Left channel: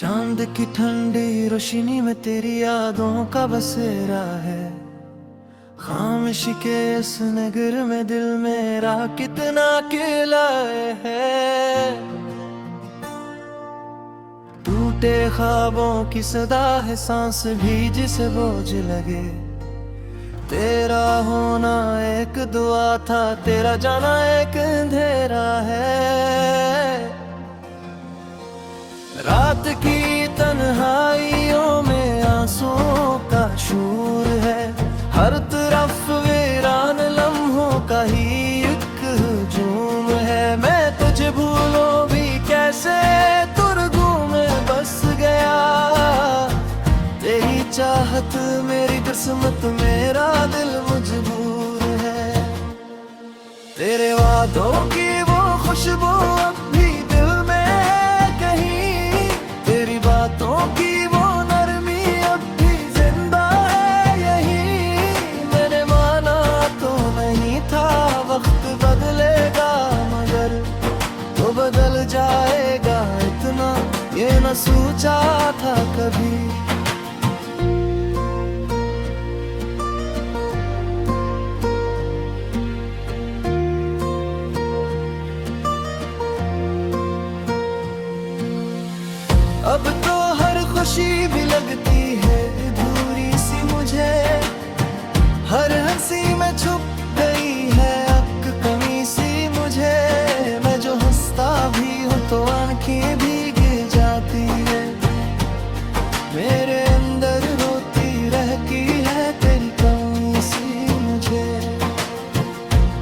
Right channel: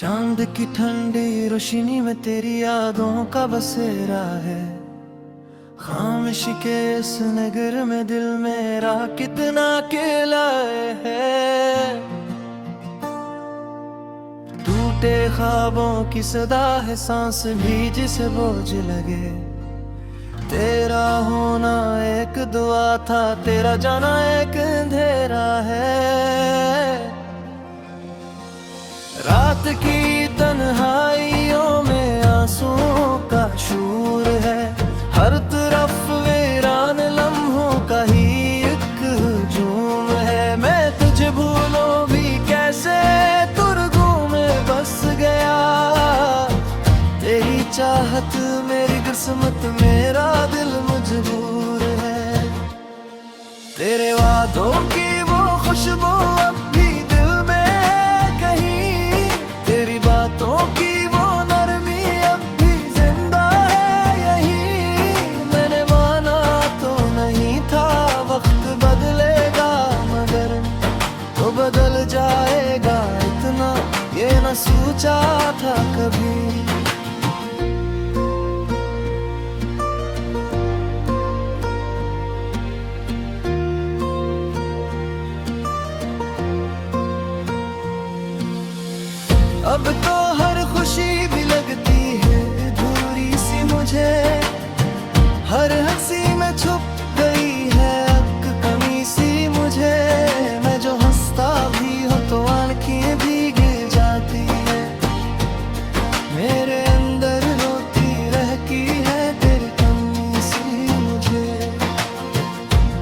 चांद की ठंडी रोशनी में तेरी यादों का बसेरा है। खामोशी के इस नगर में दिल मेरा कितना किलाए है। टूटे ख्वाबों की सदा है, सांस भी जिसे बोझ लगे। तेरा होना एक दुआ था, तेरा जाना एक अंधेरा है। रात की तन्हाइयों में आंसुओं का शूर है। हर तरफ वीरान लम्हों का ही एक हुजूम है। मैं तुझे भूलूं भी कैसे, तुरगू में बस गया। तेरी चाहत मेरी किस्मत, मेरा दिल मजबूर है। तेरे वादों की वो खुशबू अब भी दिल में है कहीं। तेरी बातों की वो नरमी अब भी जिंदा है यही। मैंने माना तो नहीं था वक्त बदलेगा, मगर तो बदल जाएगा इतना ये न सोचा था कभी। अब तो हर खुशी भी लगती है अधूरी सी मुझे। हर हंसी में छुप गई है एक कमी सी मुझे। मैं जो हंसता भी हूँ तो आंखें भी गिर जाती है। मेरे अंदर रोती रहती है तेरी कमी सी मुझे।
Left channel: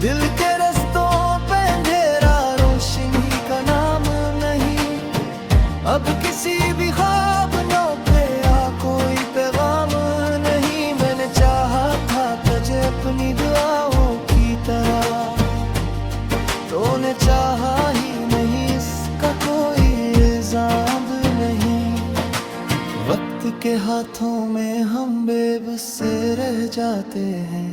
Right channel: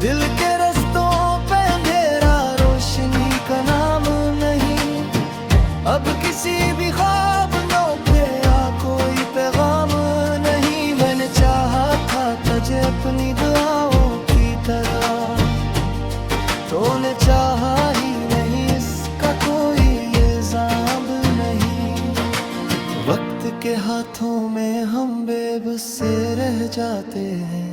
दिल के रस्तों पे अंधेरा, रोशनी का नाम नहीं। अब किसी भी ख्वाब पे आ कोई पैगाम नहीं। मैंने चाहा था तुझे अपनी दुआओं की तरह, तूने चाहा ही नहीं, इसका कोई इल्जाम नहीं। वक्त के हाथों में हम बेबस से रह जाते हैं।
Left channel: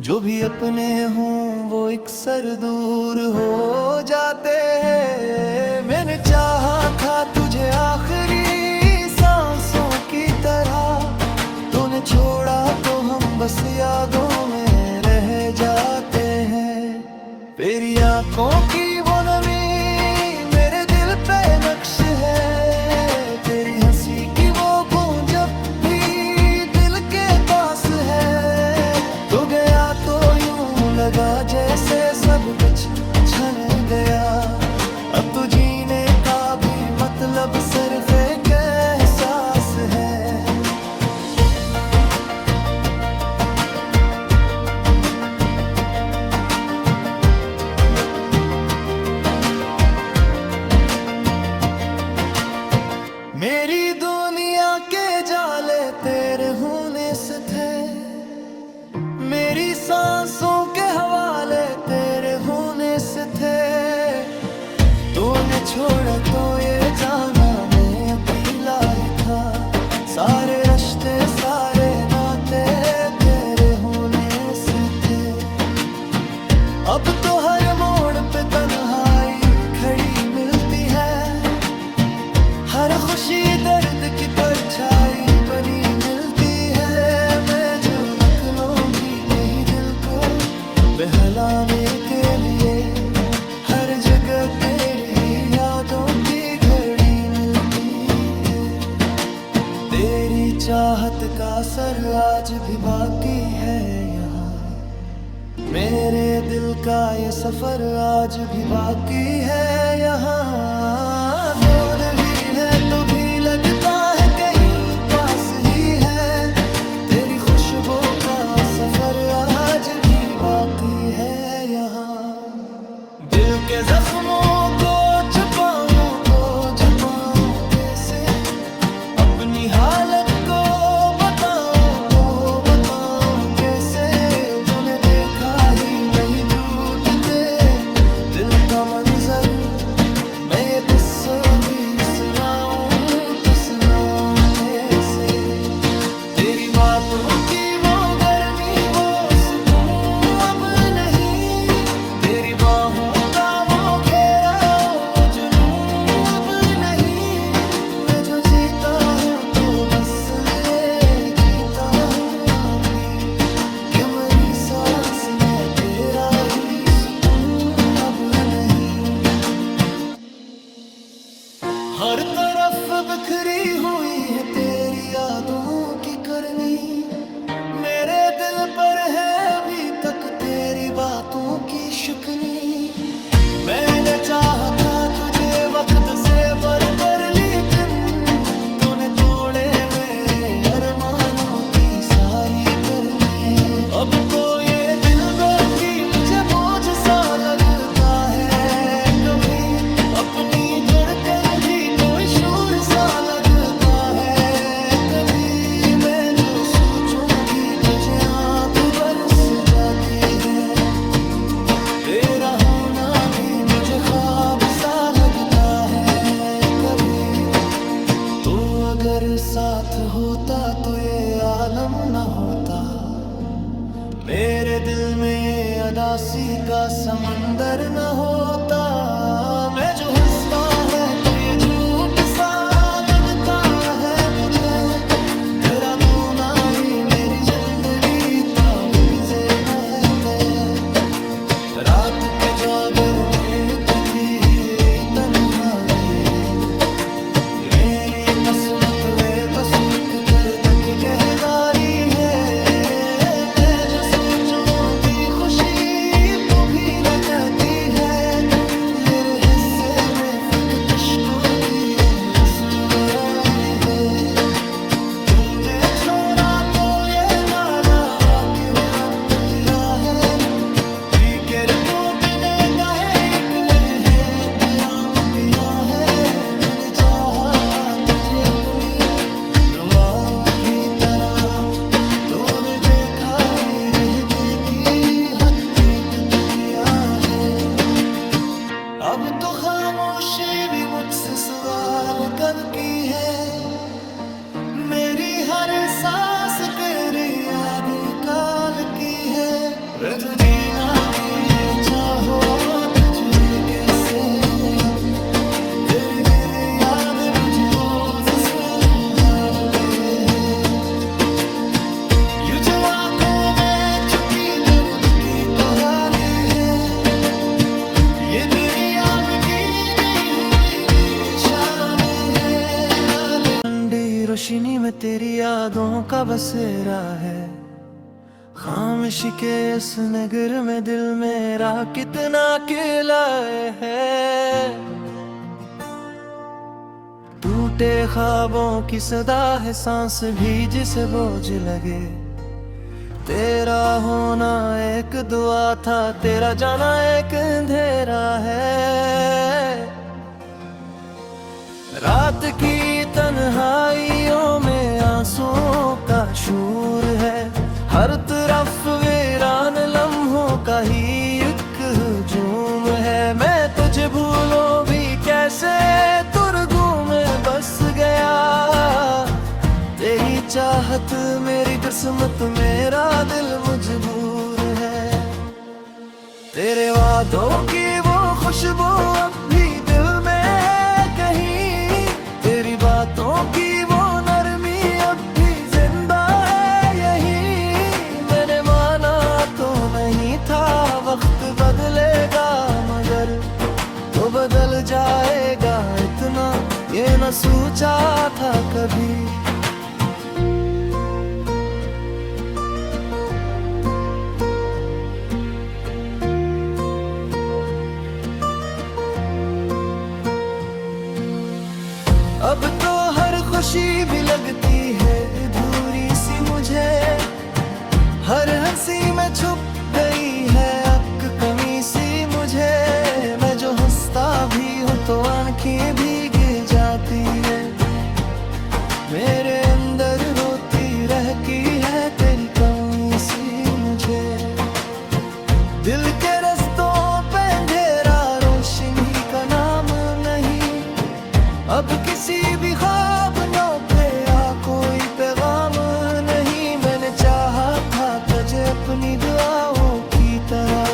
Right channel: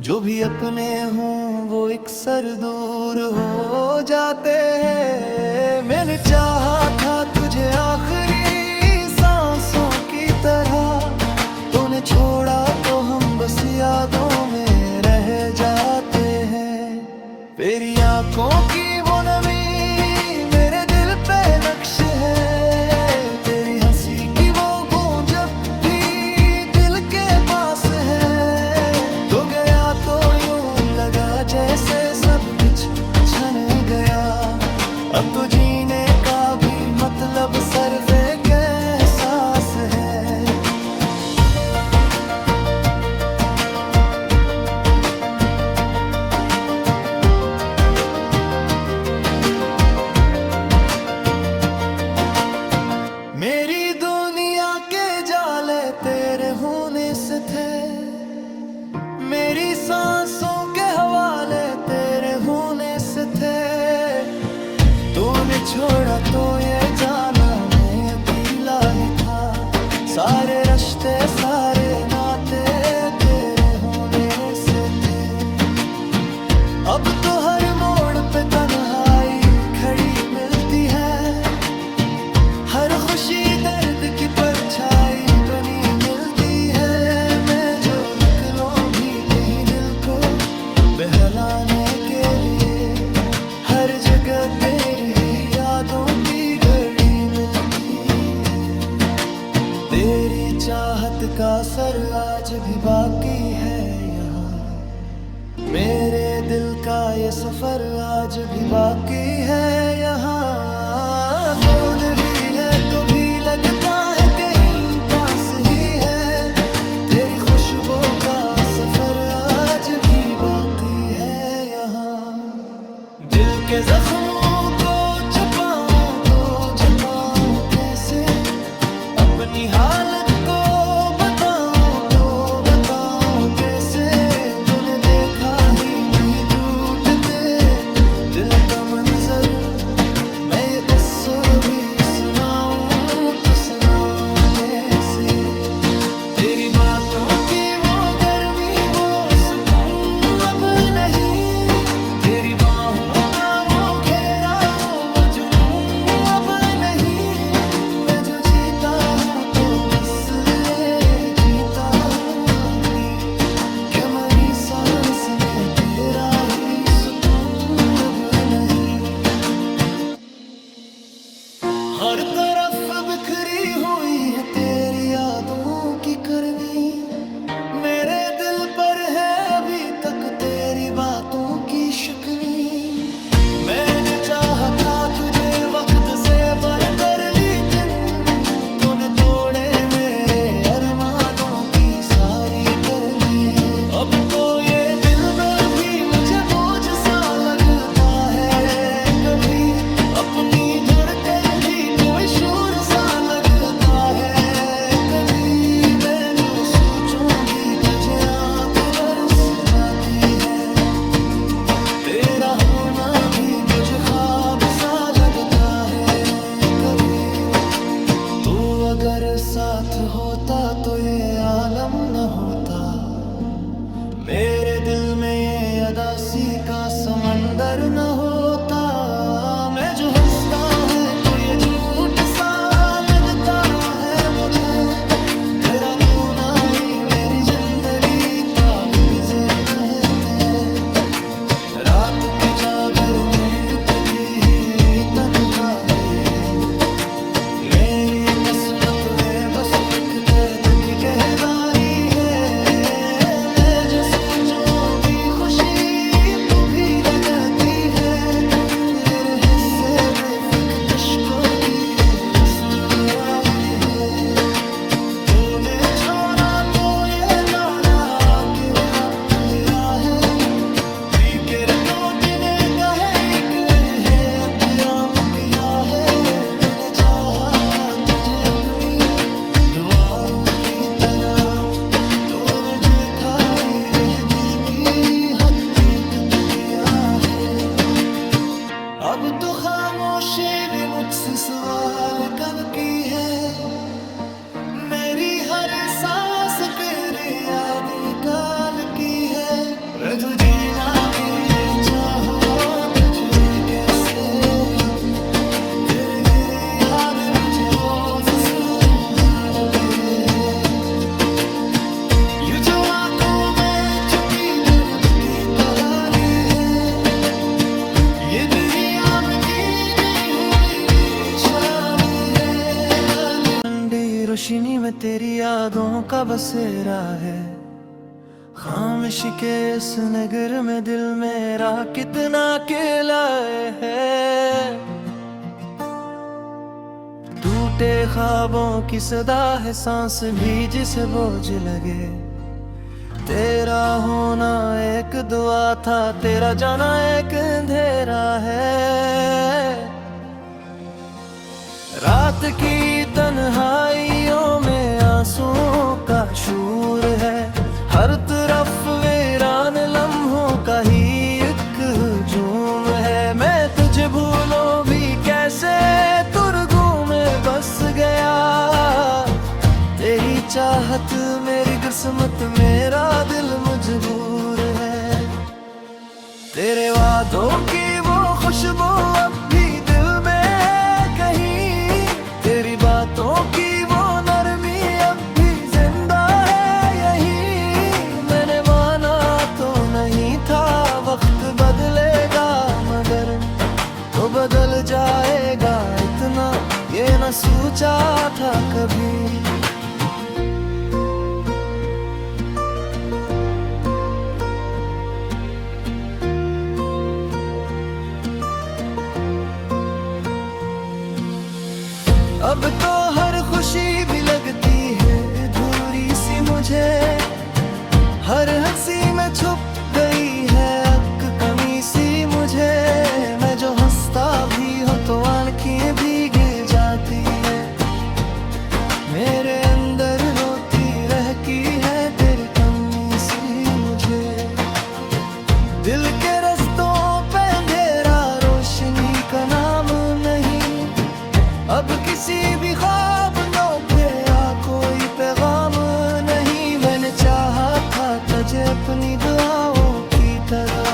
जो भी अपने हों वो अक्सर दूर हो जाते हैं। मैंने चाहा था तुझे आखिरी सांसों की तरह, तूने छोड़ा तो हम बस यादों में रह जाते हैं। तेरी आंखों की वो नमी मेरे दिल पे नक्श है। तेरी हंसी की वो गूंज अब भी दिल के पास है। तो गया तो यूं लगा जैसे सब कुछ छन गया। अब तो जीने का भी मतलब सिर्फ एक एहसास है। मेरी दुनिया के जाले तेरे होने से थे। मेरी सांसों के हवाले तेरे होने से थे। तूने छोड़ा तो ये जाना मैं अकेला ही था। सारे रिश्ते सारे नाते तेरे होने से थे। अब तो हर मोड़ पे तन्हाई खड़ी मिलती है। हर खुशी दर्द की परछाई बनी मिलती है। मैं जो निकलूं भी कहीं दिल को बहलाने के लिए, हर जगह तेरी यादों की घड़ी मिलती है। तेरी चाहत का असर आज भी बाकी है यहाँ। मेरे दिल का ये सफर आज भी बाकी है यहाँ। कौन भी है तो भी लगता है कहीं पास ही है। तेरी खुशबू का सफर आज भी बाकी है यहाँ। दिल के जख्मों को छुपाऊं तो छुपाऊं कैसे, अपनी हालत को बताऊं तो बताऊं कैसे। तूने देखा ही नहीं टूटते दिल का मंजर, मैं ये तस्वीर भी सुनाऊं तो सुनाऊं कैसे। तेरी बातों की वो गर्मी वो सुकून अब नहीं। तेरी बाहों का वो घेरा वो जुनून अब नहीं। मैं जो बिखरी हुई है तेरी यादों की करनी, मेरे दिल पर है अभी तक तेरी बातों की शिकनी। मैंने चाहा था तुझे वक्त से बढ़कर, लेकिन तूने तोड़े मेरे अरमानों की सारी करनी। अब तो ये दिल भी मुझे बोझ सा लगता है, कभी अपनी धड़कन भी कोई शोर सा लगता है। कभी मैं जो सोचूं भी तुझे आंख बरस जाती है, तेरा होना भी मुझे ख्वाब सा लगता है। कभी तो अगर साथ होता तो ये आलम न होता, मेरे दिल में ये अदासी का समंदर न होता। मैं जो हंसता है तो ये झूठ सा लगता है मुझे, तेरा होना ही मेरी जिंदगी ताबगुज़र न है तय। रात की जागर में इतनी ही तन्हाई, मेरी ये किस्मत में बस एक तेरे तक की कहदारी है। मैं जो सोचूं भी खुशी तू भी लगती है, मेरे हिस्से में फिक्र इश्क़ों की रसूलराई है। तूने छोड़ा तो ये जाना आखिर वक्त मेरा है, फिक्र तो तूने कहे इकले है क़याम किया है। मैंने चाहा था तुझे अपनी दुआओं की तरह, तूने देखा ही रहने की हकीकत किया है। अब तो खामोशी भी मुझसे सवाल करती है, मेरी हर सांस तेरी याद निकाल की है। तो जीना भी चाहो तुझे कैसे, तेरे गिरे याद मुझे रोज सुहारती है। ये जो आंखों में छुपी तेरे दुखी तोहारी है, ये तेरी आँख की दी हुई निशानी है। ठंडी रोशनी में तेरी यादों का बसेरा है, खामोशी के इस नगर में दिल मेरा कितना अकेला है। टूटे ख्वाबों की सदा है सांस भी जिसे बोझ लगे, तेरा होना एक दुआ था तेरा जाना एक अंधेरा है। रात की तन्हाइयों में आंसुओं का शोर है, हर तरफ वीरान लम्हों का ही एक हुजूम है। मैं तुझे भूलूं भी कैसे तुरगू में बस गया, तेरी चाहत मेरी किस्मत मेरा दिल मजबूर है। तेरे वादों की वो खुशबू अब भी दिल में कहीं, तेरी बातों की वो नरमी अब भी जिंदा है यही। मैंने माना तो नहीं था वक्त बदलेगा, मगर तो बदल जाएगा इतना ये न सोचा था कभी। अब तो हर खुशी भी लगती है अधूरी सी मुझे, हर हंसी में छुप गई है अक कमी सी मुझे। मैं जो हंसता भी हूँ तो आंखें भीग जाती है, मेरे अंदर रोती रहती है तेरी कमी सी मुझे। दिल के रस्तों पे अंधेरा रोशनी का नाम नहीं, अब किसी भी ख्वाब पे या कोई पैगाम नहीं। मैंने चाहा था तुझे अपनी दुआओं की तरह,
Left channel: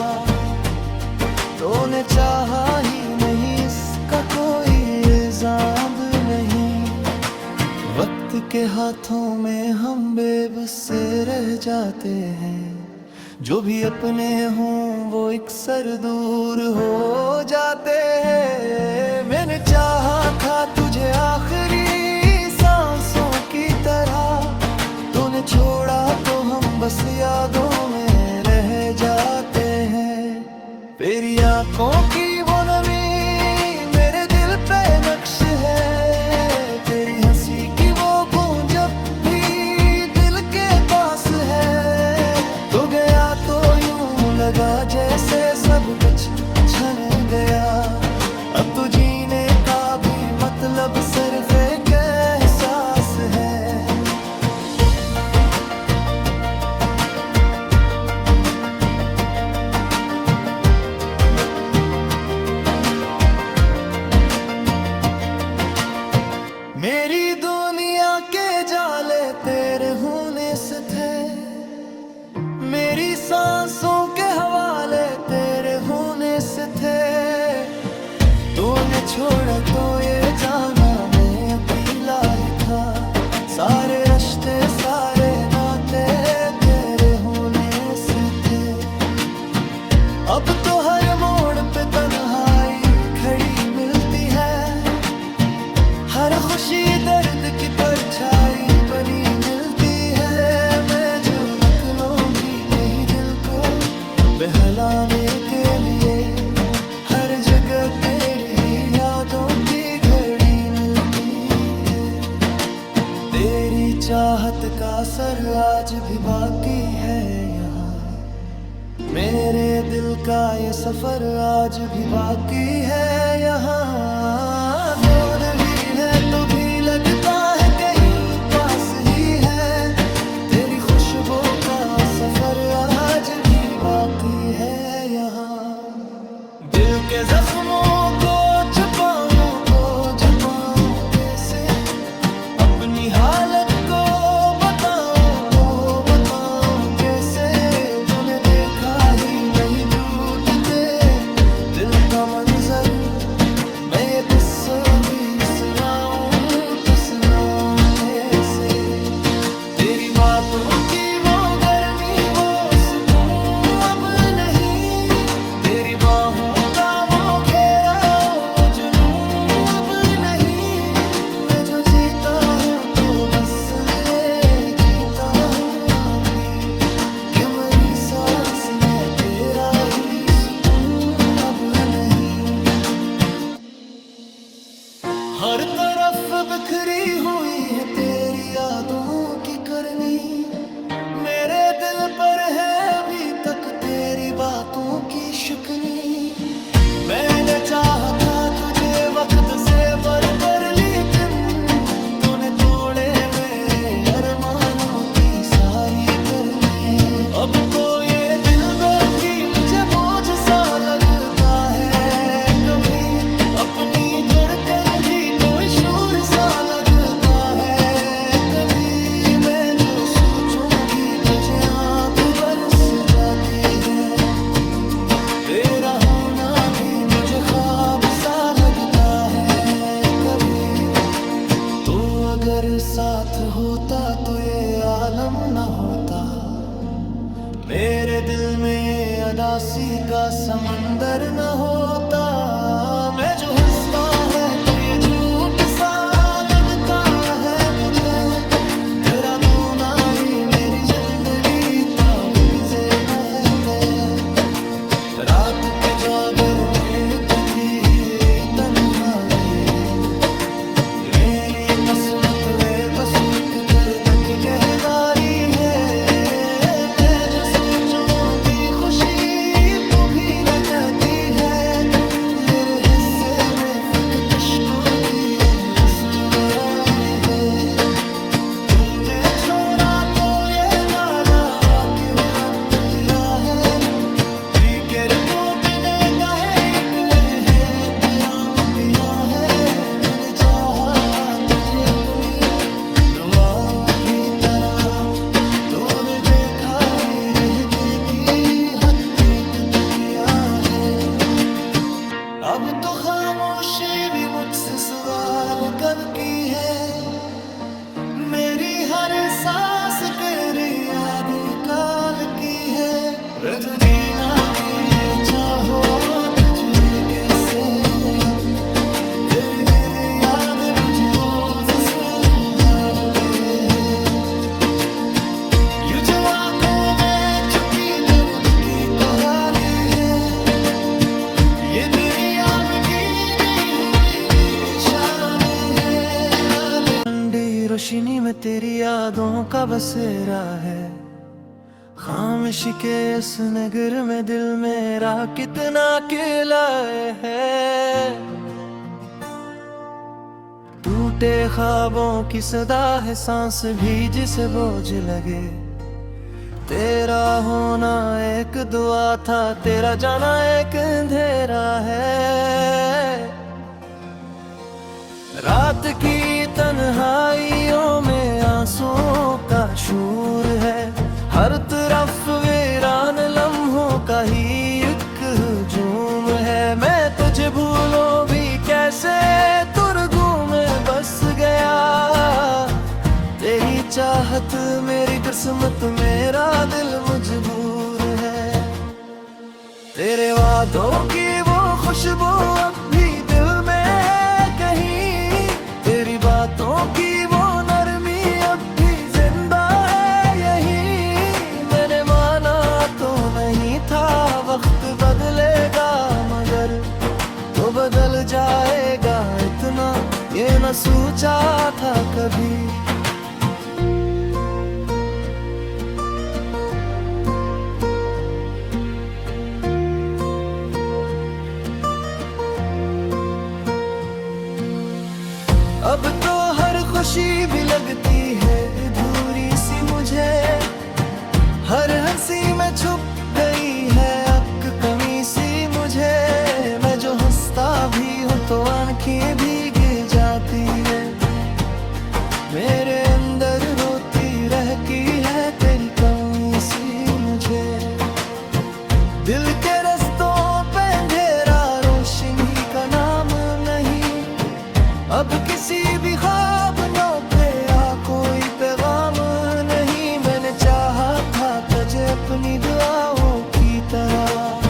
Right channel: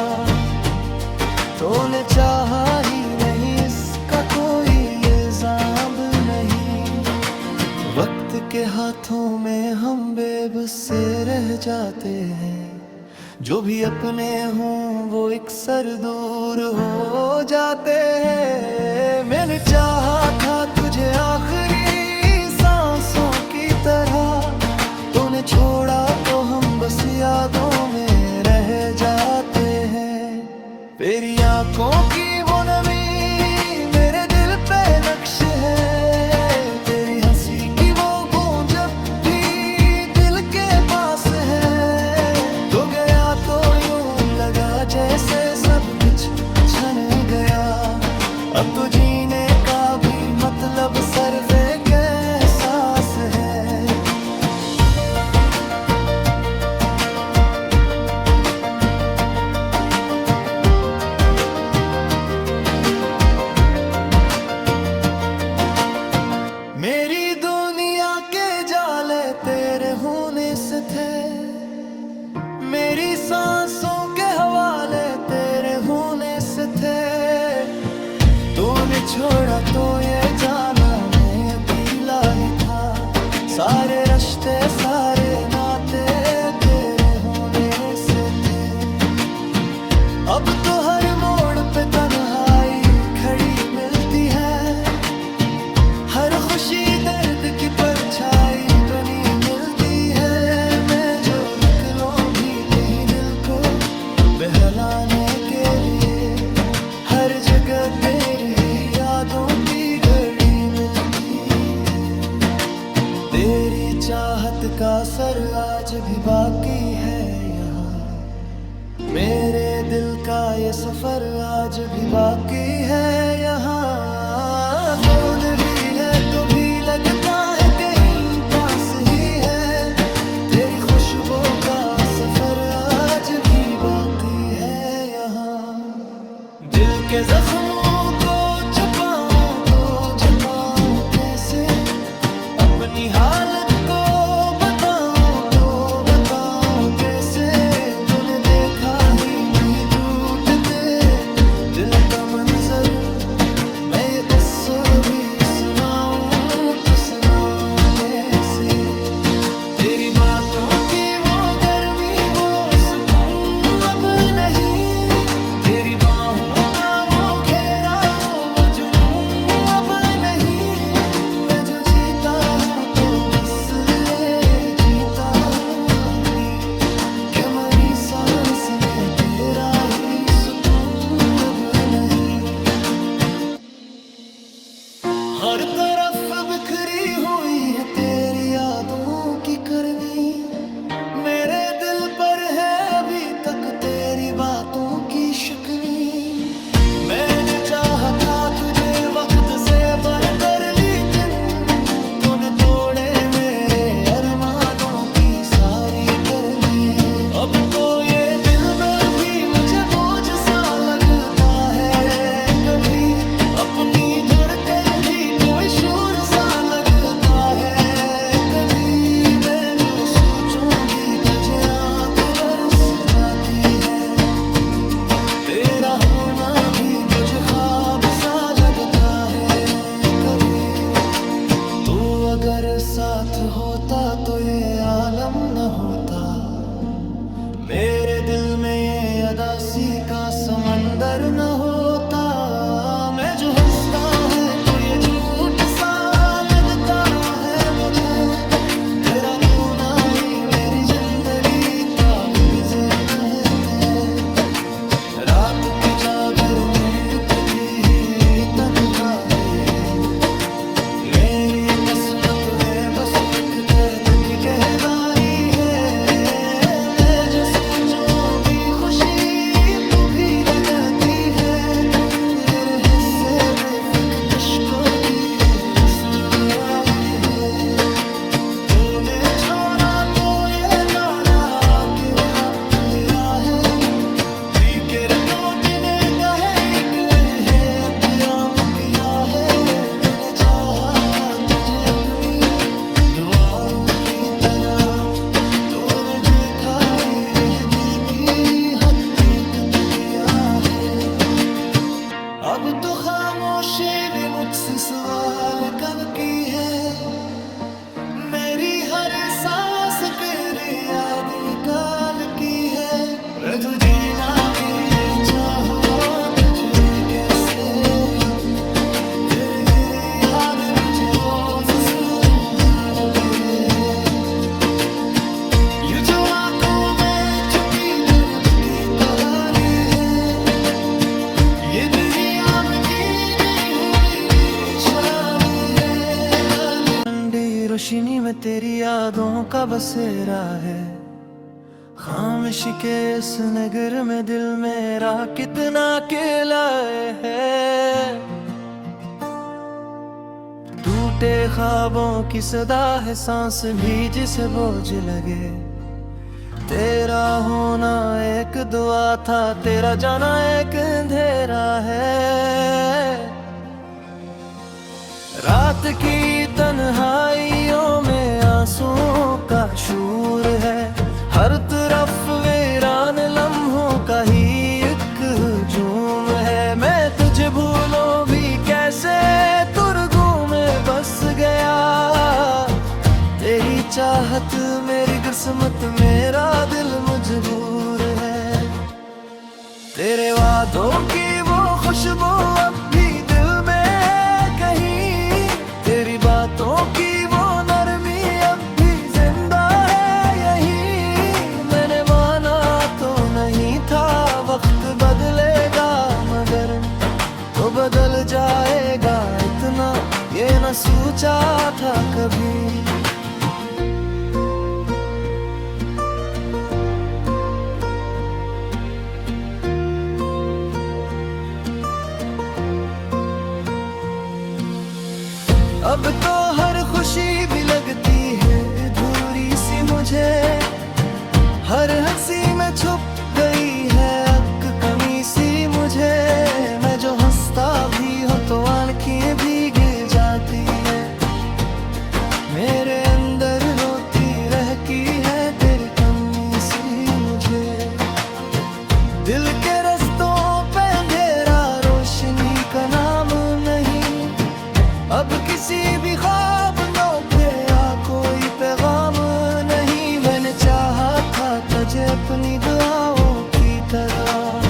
तूने चाहा ही नहीं इसका कोई इल्जाम नहीं। वक्त के हाथों में हम बेबस से रह जाते हैं, जो भी अपने हों वो अक्सर दूर हो जाते हैं। मैंने चाहा था तुझे आखिरी सांसों की तरह। तूने छोड़ा तो हम बस यादों में रह जाते हैं। तेरी आंखों की वो नमी मेरे दिल पे नक्श है। तेरी हंसी की वो गूंज जब भी दिल के पास है। तो गया तो यूं लगा जैसे सब कुछ छन गया। अब तो जीने का भी मतलब सिर्फ एक एहसास है। मेरी दुनिया के जाले तेरे होने से थे। मेरी सांसों के हवाले तेरे होने से थे। तूने छोड़ा तो ये जाना मैं अकेला ही था। सारे रिश्ते सारे नाते तेरे होने से थे। अब तो हर मोड़ पे तन्हाई खड़ी मिलती है। हर खुशी दर्द की परछाई बनी मिलती है। मैं जो निकलूं भी कहीं दिल को बहलाने के लिए। हर जगह तेरी यादों की घड़ी मिलती है। तेरी चाहत का असर आज भी बाकी है यहाँ। मेरे दिल का ये सफर आज भी बाकी है यहाँ। कौन भी है तो भी लगता है कहीं पास ही है। तेरी खुशबू का सफर आज भी बाकी है यहाँ। दिल के जख्मों को छुपाऊं तो छुपाऊं कैसे। अपनी हालत को बताऊं तो बताऊं कैसे। तूने देखा ही नहीं टूटते दिल का मंजर। मैं ये तस्वीर सुनाऊं तो सुनाऊं कैसे। तेरी बातों की वो गर्मी वो सुकून अब नहीं। तेरी बाहों का वो घेरा वो जुनून अब नहीं। मैं जो जीता हूँ तो बस ले जीता हूँ अभी। के मरी सांस में तेरा ही सुकून अब नहीं। हर तरफ बिखरी हुई है तेरी यादों की करनी। मेरे दिल पर है अभी तक तेरी बातों की शिकनी। मैंने चाहा था तुझे वक्त से बढ़कर लेकिन तूने तोड़े मेरे अरमानों की सारी करनी। अब तो ये दिल भी मुझे बोझ सा लगता है कभी। अपनी धड़कन भी कोई शोर सा लगता है कभी। मैं जो सोचूं भी तुझे आंख बरस जाती है। तेरा होना भी मुझे ख्वाब सा लगता है कभी। तो अगर साथ होता तो ये आलम न होता। मेरे दिल में ये अदासी का समंदर न होता। मैं जो हंसता है तो ये झूठ सा लगता है मुझे। तेरा होना ही मेरी जिंदगी का गुजर न है। रात की जागर में टूटी हुई तन्हाई। मेरी ये किस्मत में बस एक तरफ की कहवारी है। मैं जो सोचूं भी खुशी तू भी लगाती है। मेरे हिस्से में किश्कों की रसूलराई है। तूने छोड़ा तो ये जाना आखिर वक्त मेरा है। फिक्र तो तूने कहे निकले है प्याम किया है। मैंने चाहा था तुझे अपनी दुआओं की तरह। तूने देखा ही रह देखी हकीकत किया है। अब तो खामोशी भी मुझसे सवाल कब की है। मेरी हर सांस तेरी याद निकाल की है। तू जीना भी चाहो तुझे कैसे। तेरे गिरे याद मुझे रोज तेरे है। यूं जो आंखों में छुपी तेरे की कहानी है, ये तेरी आम की दी हुई निशानी है। ठंडी रोशनी में तेरी यादों का बसेरा है, खामोशी के इस नगर में दिल मेरा कितना किलाए है। टूटे ख्वाबों की सदा है सांस भी जिसे बोझ लगे, तेरा होना एक दुआ था तेरा जाना एक अंधेरा है। रात की तन्हाइयों में आंसुओं का शूर है, हर तरफ वीरान लम्हों का ही एक हुजूम है। मैं तुझे भूलूं भी कैसे तुरगू में बस गया, तेरी चाहत मेरी किस्मत मेरा दिल मजबूर है। तेरे वादों की वो खुशबू अब भी दिल में कहीं, तेरी बातों की वो नरमी अब भी जिंदा है यही। मैंने माना तो नहीं था वक्त बदलेगा, मगर तो बदल जाएगा इतना ये न सोचा था कभी। अब तो हर खुशी भी लगती है अधूरी सी मुझे, हर हंसी में छुप गई है अक कमी सी मुझे। मैं जो हंसता भी हूँ तो आंखें भी गिर जाती है, मेरे अंदर रोती रहती है तेरी कमी सी मुझे। दिल के रस्तों पे अंधेरा रोशनी का नाम नहीं, अब किसी भी ख्वाब नौखे या कोई पैगाम नहीं। मैंने चाहा था तुझे अपनी दुआओं की तरह,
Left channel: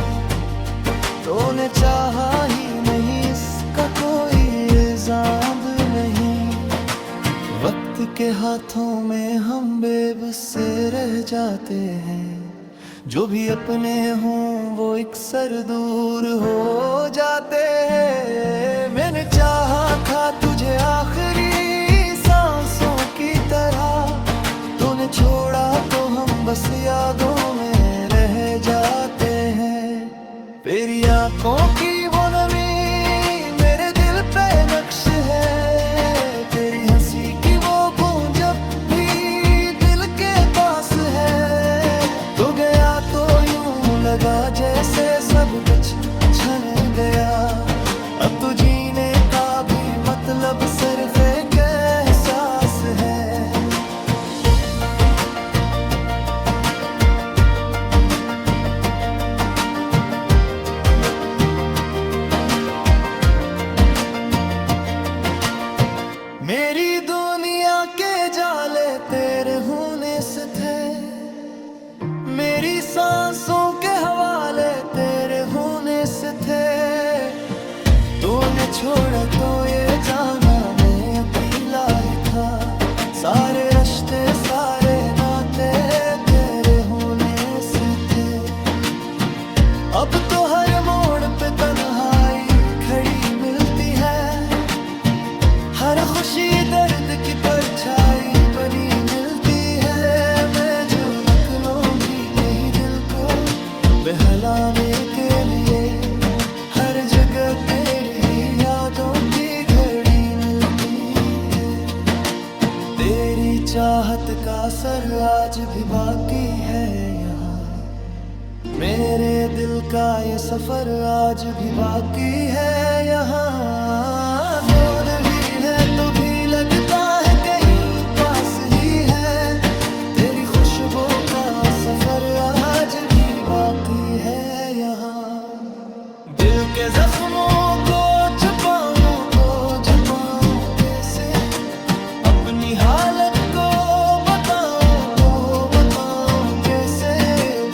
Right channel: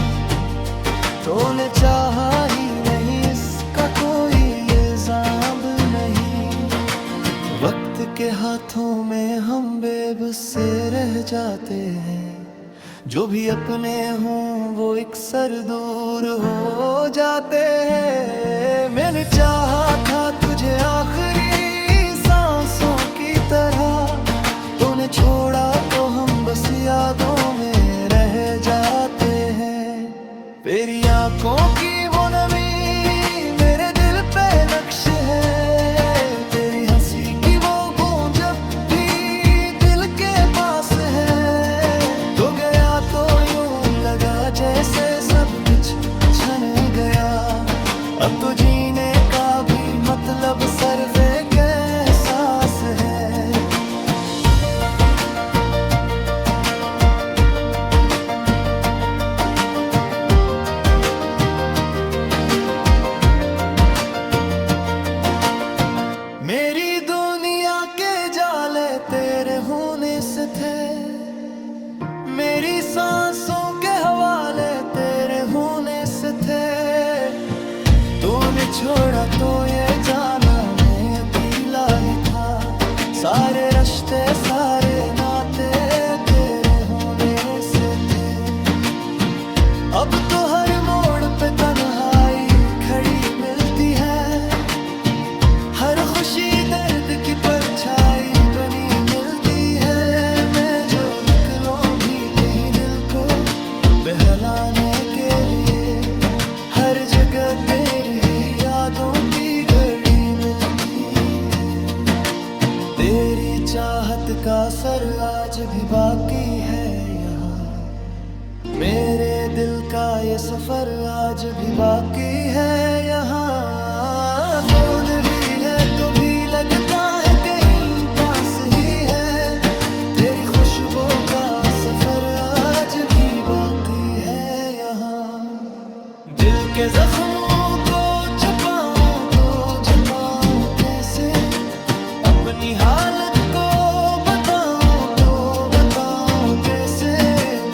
तूने चाहा ही नहीं इसका कोई इल्जाम नहीं। वक्त के हाथों में हम बेबस से रह जाते हैं, जो भी अपने हों वो अक्सर दूर हो जाते हैं। मैंने चाहा था तुझे आखिरी सांसों की तरह, तूने छोड़ा तो हम बस यादों में रह जाते हैं। तेरी आंखों की वो नमी मेरे दिल पे नक्श है, तेरी हंसी की वो गूंज जब भी दिल के पास है। तो गया तो यूं लगा जैसे सब कुछ छन गया, अब तो जीने का भी मतलब सिर्फ एक एहसास है। मेरी दुनिया के जाले तेरे होने से थे, मेरी सांसों के हवाले तेरे होने से थे। तूने छोड़ा तो ये जाना मैं अकेला ही था, सारे रिश्ते सारे नाते तेरे होने से थे। अब तो हर मोड़ पे तन्हाई खड़ी मिलती है, हर खुशी दर्द की परछाई बनी मिलती है। मैं जो निकलूं भी कहीं दिल को बहलाने के लिए, हर जगह तेरी यादों की घड़ी मिलती है। तेरी चाहत का असर आज भी बाकी है यहाँ, मेरे दिल का ये सफर आज भी बाकी है यहाँ। कौन भी है तो भी लगता है कहीं पास ही है, तेरी खुशबू का सफर आज भी बाकी है यहाँ। दिल के जख्मों को छुपाऊं तो छुपाऊं कैसे, अपनी हालत को बताऊं तो बताऊं कैसे।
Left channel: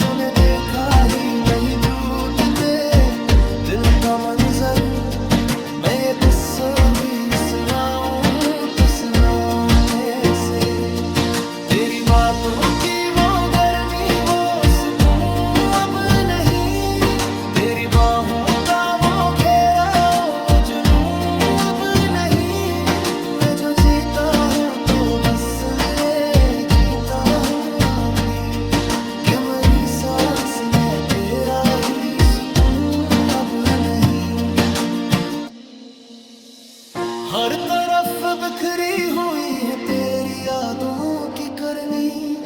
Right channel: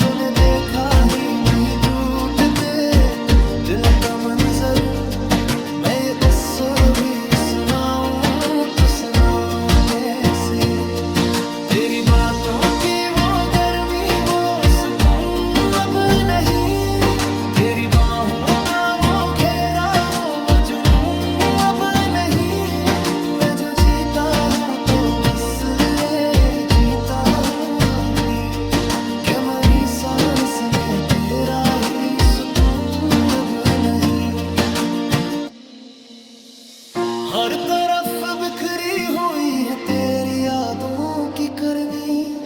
तूने देखा ही नहीं टूटते दिल का मंजर, मैं ये तस्वीर भी सुनाऊं तो सुनाऊं कैसे। रातों की वो गर्मी वो सुकून अब नहीं, तेरी बाहों का वो घेरा वो जुनून अब नहीं। मैं जो जीता हूँ तो बस ये जीता हूँ अभी, कि मरी सांस में तेरा ही सुकून अब नहीं। हर तरफ बिखरी हुई है तेरी यादों की करनी,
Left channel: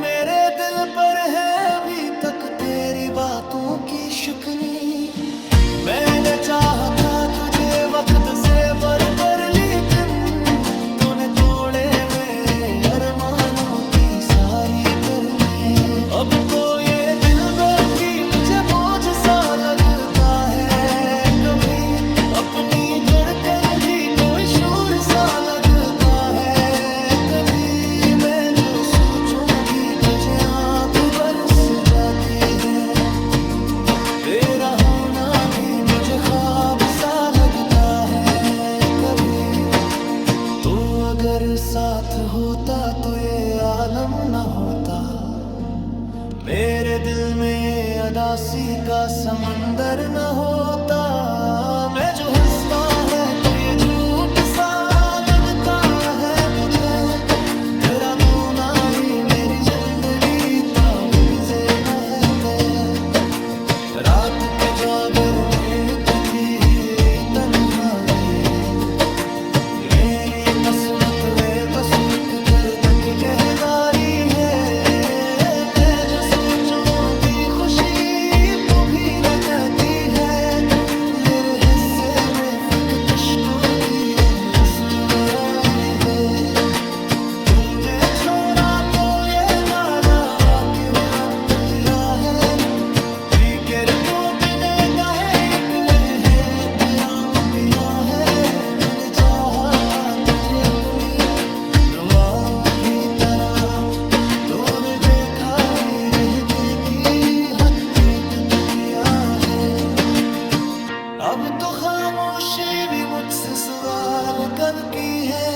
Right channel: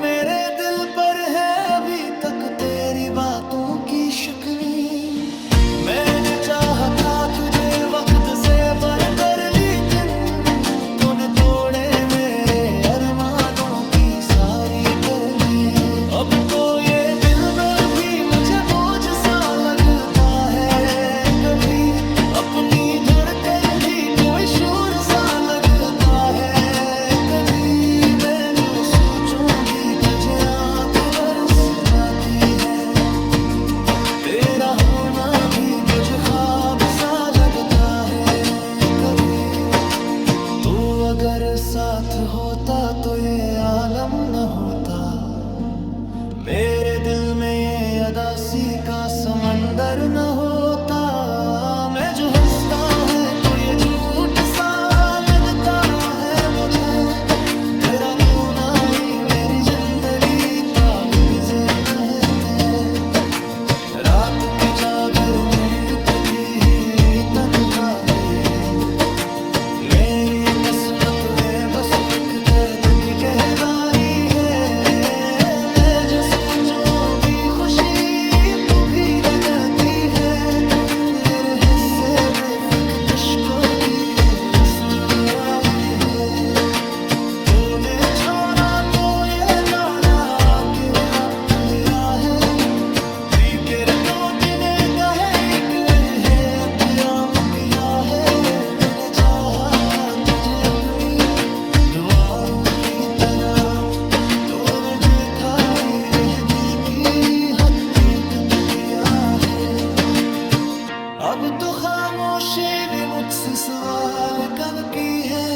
मेरे दिल पर है अभी तक तेरी बातों की शिकनी। मैंने चाहा था तुझे वक्त से बढ़कर, लेकिन तूने तोड़े मेरे अरमानों की सारी करनी। अब तो ये दिल भी मुझे बोझ सा लगता है, कभी अपनी धड़कन भी कोई शोर सा लगता है। कभी मैं जो सोचूं भी तुझे आंख बरस जाती है, तेरा होना भी मुझे ख्वाब सा लगता है। कभी तो अगर साथ होता तो ये आलम न होता, मेरे दिल में ये अदासी का समंदर न होता। मैं जो हंसता है तो ये झूठ सा लगता है मुझे, तेरा होना ही मेरी जिंदगी ताबगुज़र न है तय। रात के जागर में की ही तन्हाई, मेरी ये किस्मत में बस एक तेरे तक की कहदारी है। जो सोचूं भी खुशी तू भी लगती है, मेरे हिस्से में फिक्र इश्क़ों की रसूलराई है। तूने छोड़ा तो ये न्यारा आखिर वक्त मेरा है, फिक्र तो तूने कहे इकले है क़याम किया है। मैंने चाहा था तुझे अपनी दुआओं की तरह, तूने देखा भी की हकीकत किया है। अब तो खामोशी भी मुझसे सवाल कब की है,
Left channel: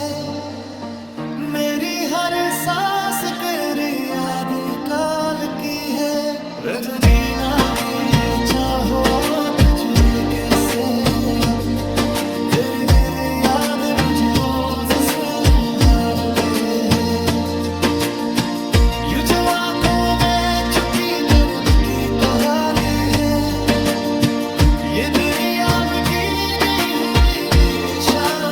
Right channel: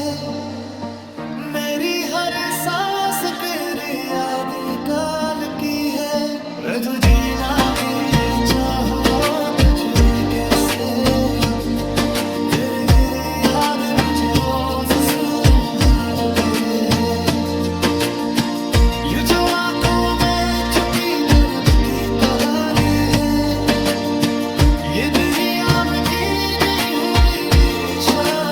मेरी हर सांस तेरी याद काल की है। तो जीना भी चाहो तुझे कैसे, तेरे गिरे याद मुझे रोज सुहारती है। ये जो आंखों में छुपी दर्द की तोहारी है, ये तेरी आँख की दी हुई निशानी।